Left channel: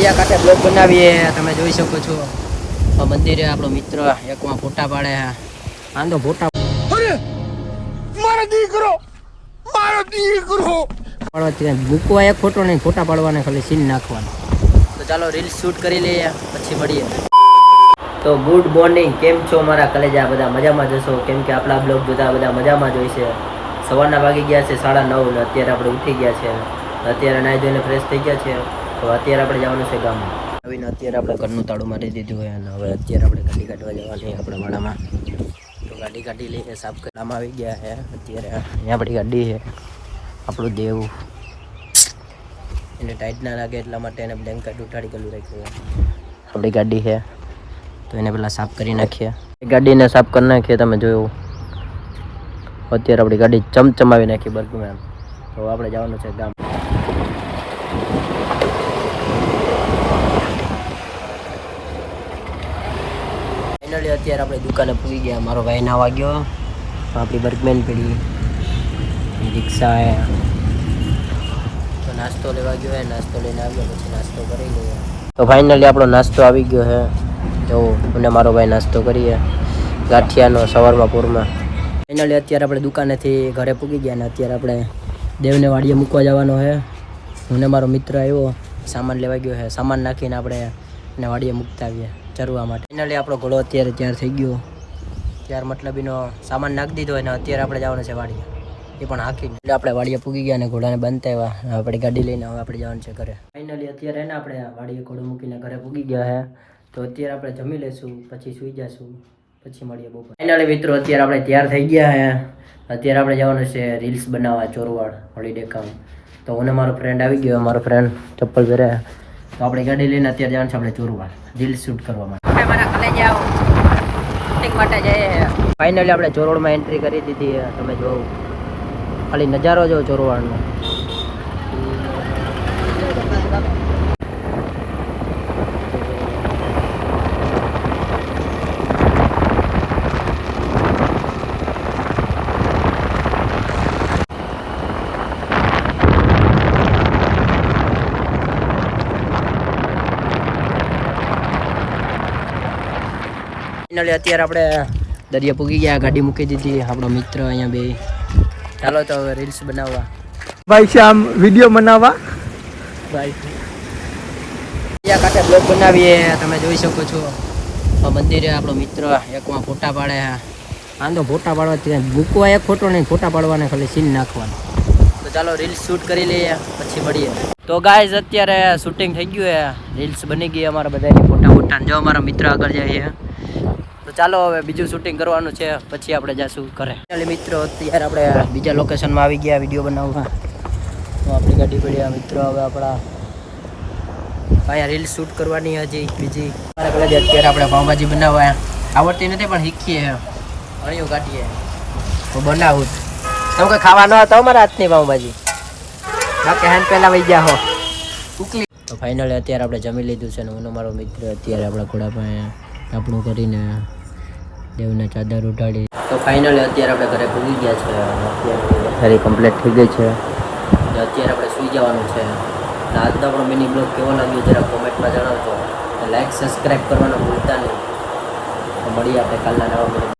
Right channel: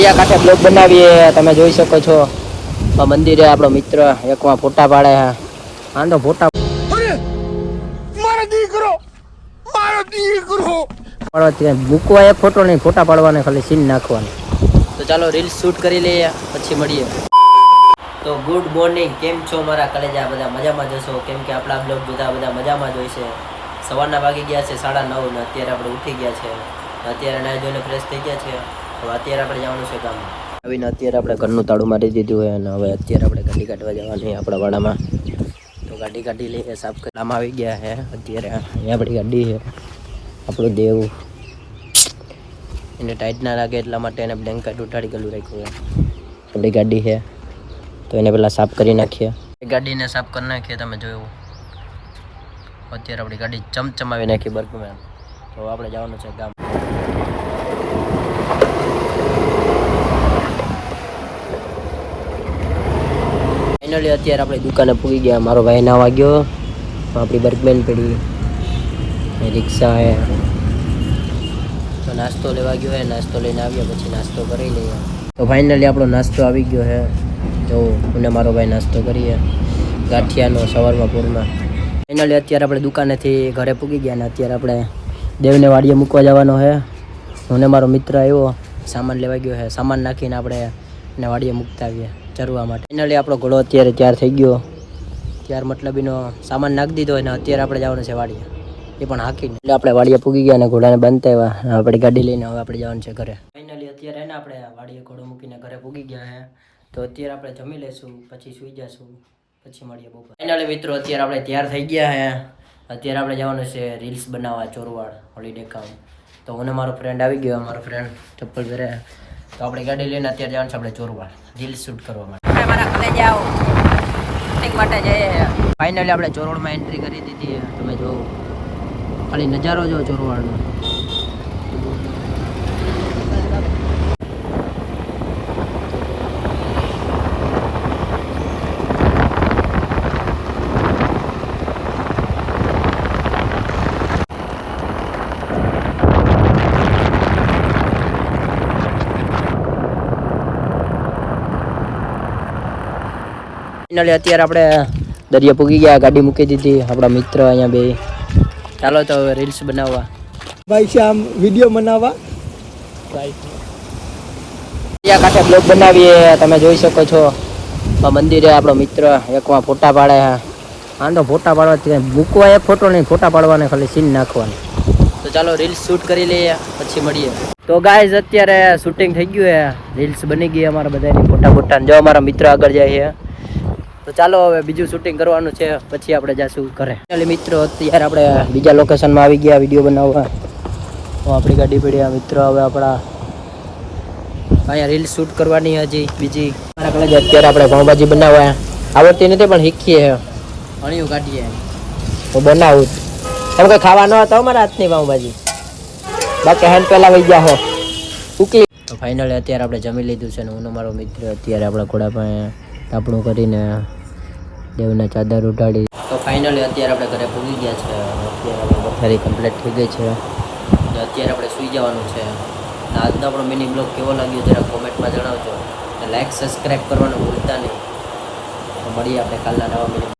કાંઠે બ્લોગ બનાવીએ તમે જોઈ શકો છો મંદિરે આપણો મિત્ર એકમાં ફોટા પાડે છે આંધો ફોટા મૂકવા એક ફોટો નહીં ફોટા પાડવાને ખાલી સીન નાખવાના. તો ચાલો રીલ્સ શૂટ કરી લઈએ પછી મળીએ. તો ગુડ મોર્નિંગ, કેમ છો મારા કલેજા? બધા મજામાં જશો કેમ કે આપણા બ્લોગ જોતા બધા મજામાં જ હોય છે. સવારના વાગી ગયા છે 9:30 ને અત્યારે આપણે ઉઠી ગયા છે. અત્યારે નાહી ધોઈને ફ્રેશ થઈ ગયા છે. તો અત્યારે આપણે જવાનું છે ગામ આવીને અત્યારે આપણે ઘરનું તાળું મારી દીધું હોય અને હવે અત્યારે આપણે ગાડી કાઢવા જવાની આપણા વાડામાં. તો ગાડી કાઢી લઈએ, સાફ કરવામાં આવી ગયા છે. અત્યારે અહીંયા આપણી ગાડી છે, આપણું દેવ એને ટાઈટ ના લાગે એટલા માટે એને બ્લેન્કેટ ઉઠાડી ગયેલું રાખ્યું છે. આપણી ગાડી છે તો એને પહેલાં સાફ કરી નાખીએ. ગાડીને સાફ કરી નાખીએ. તમે જોયું અત્યારે આપણી ગાડી ચમચમાવી નાખી બર્ગમાં. તો આપણે જવાનું છે ગામ. ફાઇનલી અત્યારે આપણે દુકાને પૂરી ગયા. મારો ભાઈ ના વાગ્યો, આપણી બર્ગમેન પડી, રિક્ષા હે. તો નાસ્તો લેવા ગયો હે, નાસ્તો લઈને આવ્યો પછી નાસ્તો કરી લઈએ. તો ફાઇનલી આપણો નાસ્તો આવી ગયો છે. તો મને મારો ભાઈ નાસ્તો કરીએ ગાંઠિયાનો સવારમાં પૂરમાં. ફાઇનલી અત્યારે આપણે દુકાનેથી ઘરે પૂગી ગયા ને અત્યારે આપણે દેવને વાડીએ મૂકવા જવાનો છે. મને મારો મિત્ર આવ્યો, સામાન લેવા ગયો છે. સામાન નાખીને આપણે એને વાડીએ મૂકતા આવીએ ચરવા માટે. ફાઇનલી આપણો ઘોડો અત્યારે તૈયાર થઈ ગયો. ત્યાર મતલબ એનો સામાન નાખી દીધો અને અત્યારે આપણે જવાનું છે વાડીએ, એ પણ હાકીને. એટલે આપણે વાડીએ પૂગી ગયા અને ઘોડાને બાંધતા આવ્યા. આપણી ગાડી લઈને હવે આપણે જવાનું છે ઘરે. ફાઇનલી અત્યારે એને આપણે વાડીએ ઘોડો મૂકીને ઘરે પૂગી ગયા છે. તો અત્યારે આપણે જમી લઈશું પછી સૂઈ જઈશું, પછી મળીએ બપોર. ફાઇનલી મિત્રો અત્યારે આપણે તૈયાર થઈ ગયા છે. અત્યારે આપણે જવાનું છે રીલ્સ બનાવવા ચોરવાડ હોલિડે કામ. તો હું મારો ફ્રેન્ડ આવી ગયો, મારો ફ્રેન્ડ ચપ્પલ પહેરે. તો આપણે ગાડી લઈને અત્યારે જવાનું છે આપણે ચોરવાડ રીલ્સ શૂટ કરવા માટે. ફાઇનલી આપણે ચોરવાડમાં એન્ટ્રી કરી દીધી. તમે જો ખાલી નજારો જો ચોરવાડનો. ફાઇનલી અત્યારે આપણે દરિયા પૂગી ગયા, ગાડી મૂકી દીધી. આપણા મિત્ર અહીંયા બે. ચાલો તો હવે રીલ્સ બનાવવા. ભાઈ શ્યામ વિડીયો બનાવવા કાંઠે બ્લોગ બનાવીએ. તમે જોઈ શકો છો મંદિરે આપણો મિત્ર એકમાં ફોટા પાડે છે આંધો ફોટા પાડવા મૂકવા એક ફોટો નહીં ફોટા પાડવાને ખાલી સીન નાખવાનું. તો ચાલો રીલ્સ શૂટ કરી લઈએ પછી મળીએ. તો ગાઈઝ અત્યારે શૂટિંગ થઈ ગયું છે, રીલ્સ બની ગઈ અમારા બધાની ફોટા ફોટા. જો અમારા મિત્ર આગળ જાય છે. તો ચાલો હવે બીજું શૂટિંગ કરવાનું છે પછી આપણે જઈશું ઘરે. મિત્રો અત્યારે આપણે બીજા લોકેશનમાં આવી ગયા વિડીયો બનાવવા. તો આપણી ગાડી પડી મિત્રો. હવે આપણા અહીંયા રીલ્સ શૂટ કરવાની હજી બીજી. મારા કહે અત્યારે આપણે પાઉંભાજી બનાવવા આવડતી નથી પણ શીખીએ અણીઓ કાઢીએ તો બનાવું. તમે કોઈ ખાવા ન હતા મારા હાથની પાઉંભાજી, બાકી હેન્ડ પહેલાં વહી ગયા હો ઉકલી. તો ફાઇનલી અત્યારે આપણે જમી લીધું છે ને હું મારો મિત્ર અત્યારે આપણા ઘોડા પાસે આપણું કરીને દેવને ચાદર ઉઠાડી. તો ફાઇનલી અત્યારે આપણે ઘરે પૂગી ગયા છે. અત્યારે ફરી કમ્પ્લીટ થઈ ગઈ છે. અત્યારે આપણે સૂઈ જવાનું છે. આજનો આપણો મિની બ્લોગ કેવો લાગ્યો જરા કોમેન્ટમાં જણાવજો. લાઈક સબસ્ક્રાઈબ કરવાનું ભૂલતા નહીં. તો મળીએ આપણે કાલના નવા મિની.